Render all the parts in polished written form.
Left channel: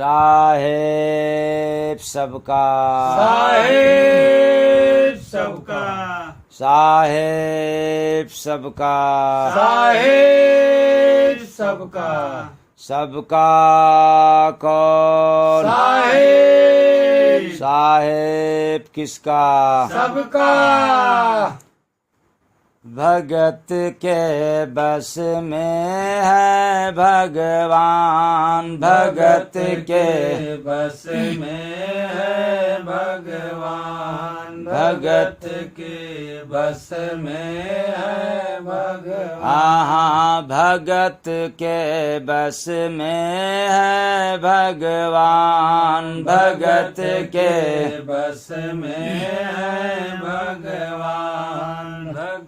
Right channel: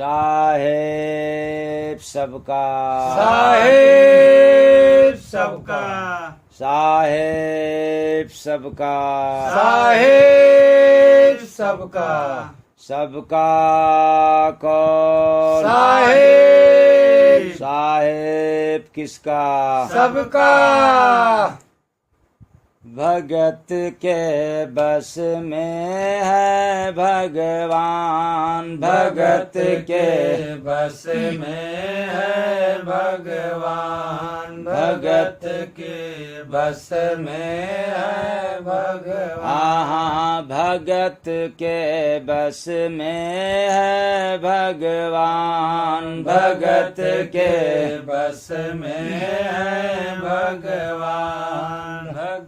साहेब सबका, साहेब सबका, साहेब सबका, साहेब सबका, सबका कौन, साहेब, साहेब किसका, सबका। भगत के बस में है भगवान, भगत के बस में है भगवान, भगत के बस में है भगवान। हाँ, भगत के बस में है भगवान, भगत के बस में है भगवान।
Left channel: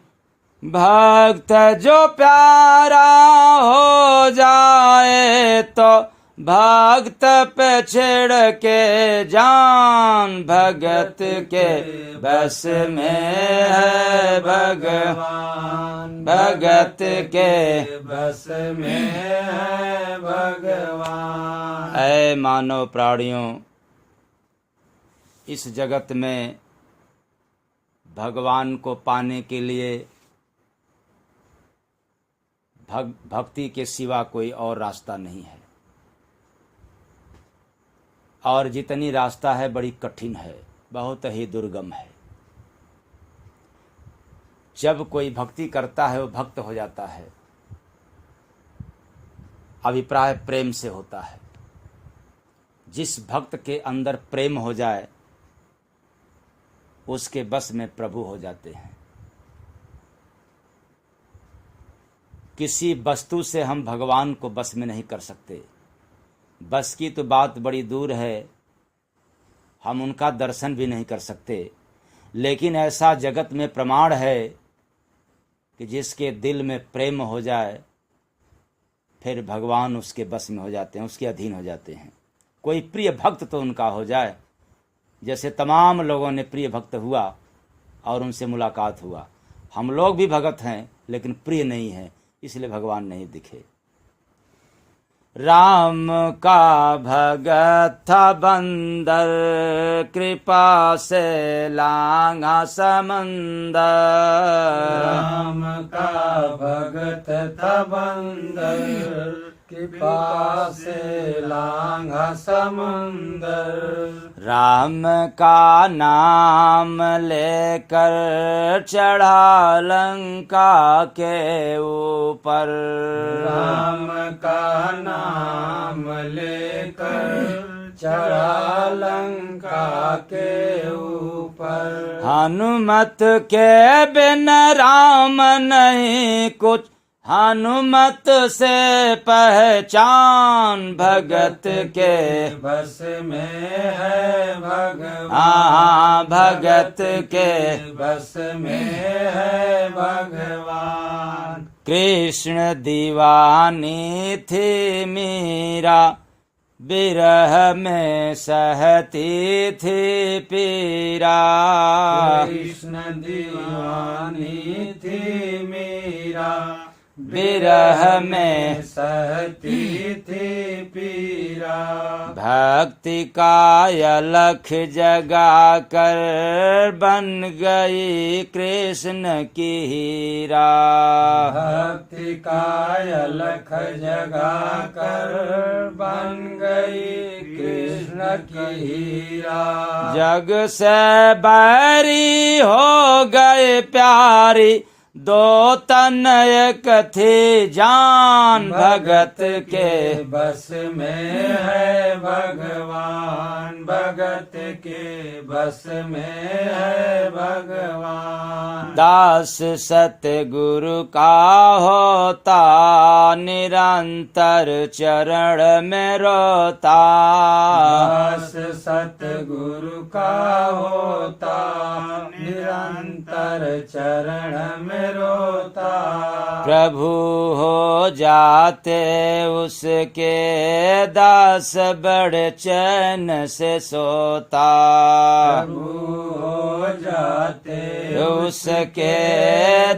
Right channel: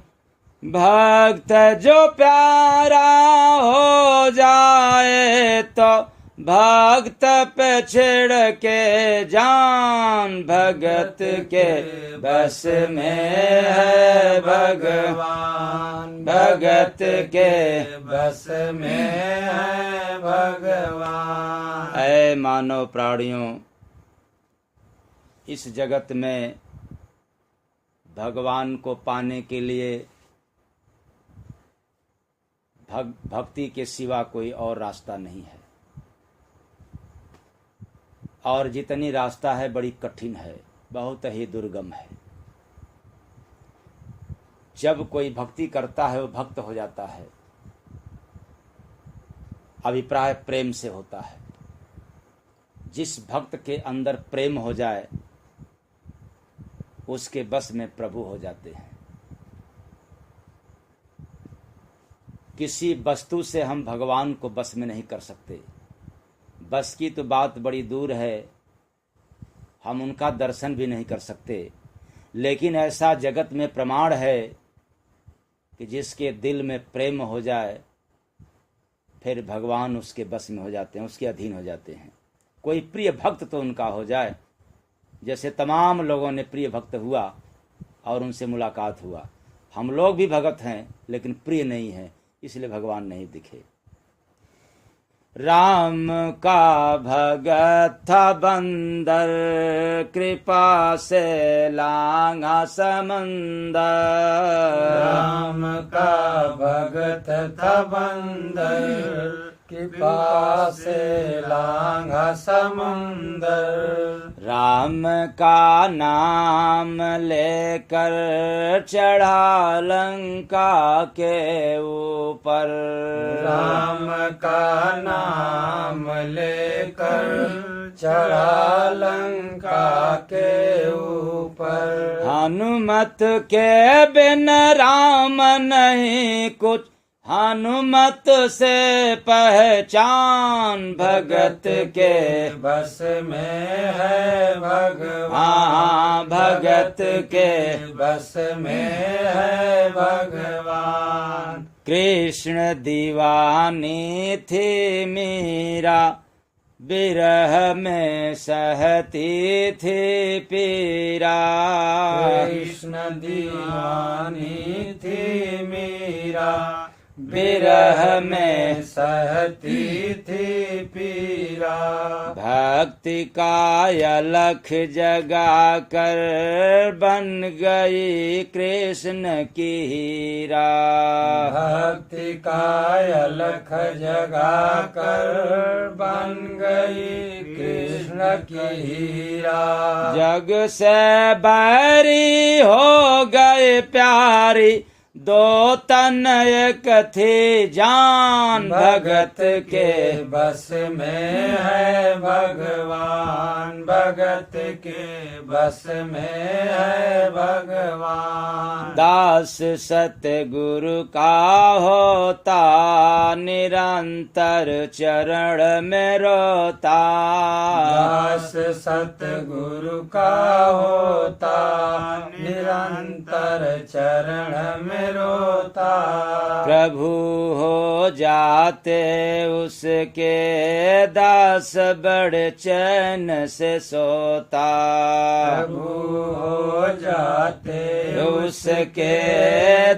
भक्त जो प्यारा हो जाए तो भक्त पे छिड़ के जान, भगत के बस में है भगवान, भगत के बस में है भगवान। ऐ मानव प्राणियों, इस जगत में भगवान को पाने के लिए भक्ति के सिवा कोई और रास्ता नहीं है, और जितनी रास्ता है बड़ी कठिन है, बहुत ही दुर्गम है। जब कोई भक्ति करता है वो भक्त हो जाता है, अभिप्राय प्रेम से होता है। जिस भक्त के अंदर प्रेम हो जाए उसके बस में प्रभु हो जाते हैं। किसी वस्तु से हम भगवान को बस में नहीं कर सकते, बस की तो बात बड़ी दूर है, हम उनका दर्शन भी नहीं कर सकते। लेकिन ऐसा जगत में प्रमाण है कि जिसके दिल में प्रेम हो जाए फिर भगवान उसके बस में हो जाते हैं, उसके अधीन हो जाते हैं। कोई प्रिय भक्त तो उनका हो जाए, जैसे तमाम लोगों ने प्रिय भक्त हुआ और उनसे मुलाकात हुआ। हम लोग भी भगत हैं लेकिन प्रिय नहीं हैं, इसलिए भगवान नहीं दिखे। राम का भगत था बंदर, कृपा से लांघा समंदर। राम का भगत था बंदर, कृपा से लांघा समंदर। राम का नाम लेकर चढ़ा लंका के ऊपर। राम का नाम लेकर चढ़ा लंका के ऊपर। हनुमत के बिन राम नहीं कुछ, हनुमत से पहचान, भगत के बस में है भगवान। हाँ, भगत के बस में है भगवान। कृष्ण दीवानी थी मीरा, बिरह में सहती थी पीरा। कृष्ण दीवानी थी मीरा, बिरह में सहती थी पीरा। भक्ति का अलख जगा कर बन गई कृष्ण की हीरा। भक्ति का अलख जगा कर बन गई कृष्ण की हीरा। जग से बैरी हो गए प्यारी, दो तन एक थी जान, भगत के बस में है भगवान। भगत के बस में है भगवान। दास सतगुरु का होता, निरंतर चरण में रोता। दास सतगुरु का होता, निरंतर चरण में रोता। प्रभु हो जाते उसके दास बड़े चैन से सोता। प्रभु हो जाते उसके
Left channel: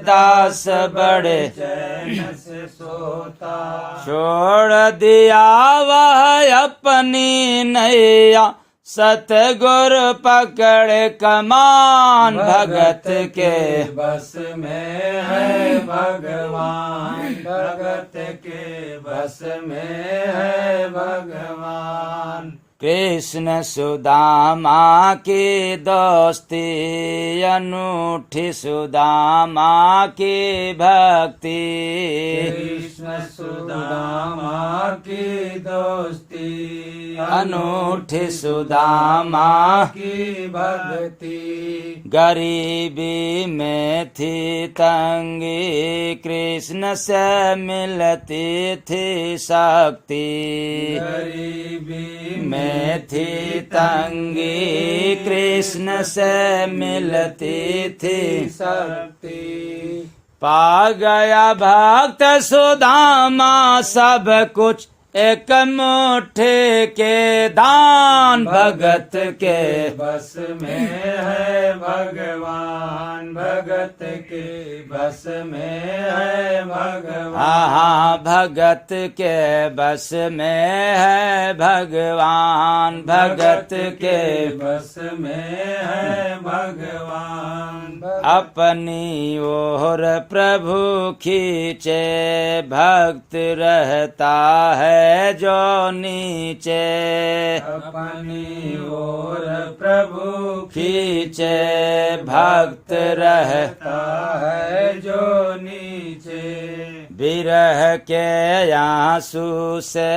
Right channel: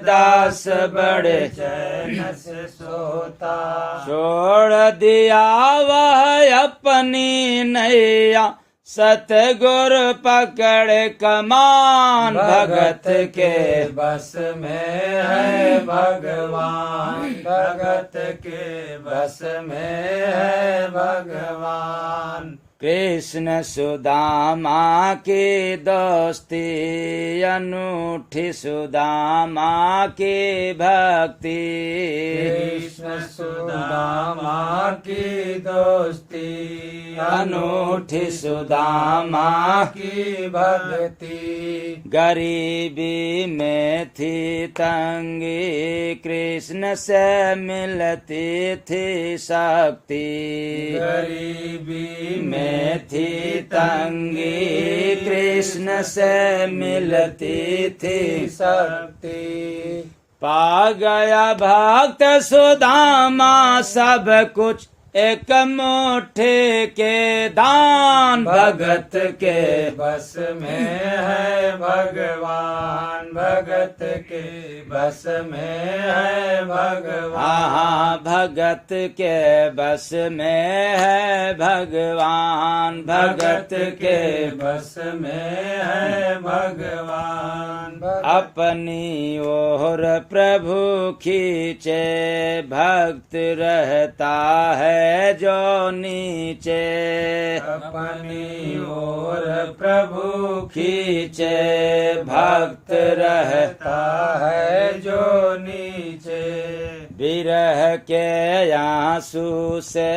दास बड़े चैन से सोता। छोड़ दिया वह अपनी नैया सतगुर पकड़े कमान। भगत के बस में है भगवान, भगत के बस में है भगवान। कृष्ण सुदामा की दोस्ती अनूठी सुदामा की भक्ति। कृष्ण सुदामा की दोस्ती अनूठी सुदामा की भक्ति। गरीबी में थी तंगी कृष्ण से मिलती थी शक्ति। गरीबी में थी तंगी कृष्ण से मिलती थी शक्ति। पा गया भक्त सुदामा सब कुछ एक मुट्ठी के दान। भगत के बस में है भगवान, भगत के बस में है भगवान। भगत के बस में है भगवान। भगत के बस में है भगवान। अपनी ओर प्रभु खींचे भक्त रहता है जो नीचे। अपनी ओर प्रभु खींचे भक्त रहता है जो नीचे। विरह के आंसू से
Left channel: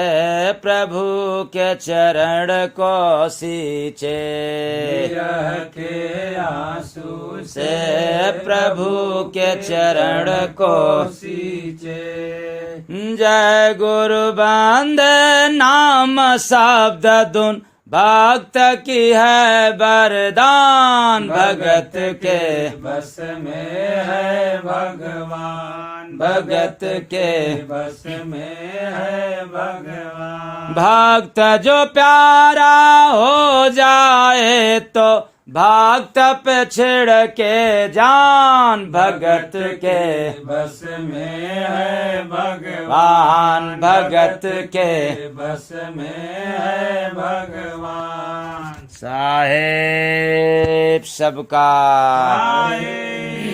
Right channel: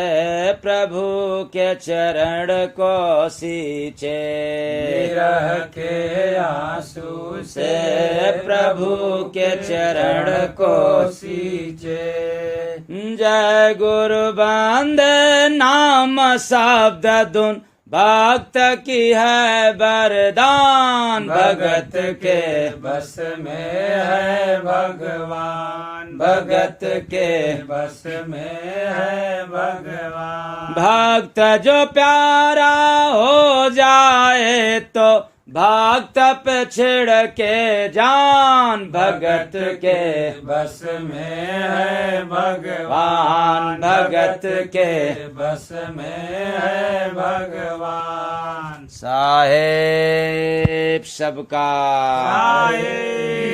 प्रभु के चरण को सींचे। विरह के आंसू से प्रभु के चरण को सींचे। जय गुरु बंद नाम शब्द धुन भक्त की है वरदान। भगत के बस में है भगवान, भगत के बस में है भगवान। भक्त जो प्यारा हो जाए तो भक्त पे छिड़ के जान। भगत के बस में है भगवान। भगत के बस में है भगवान। साहेब सबका साहेब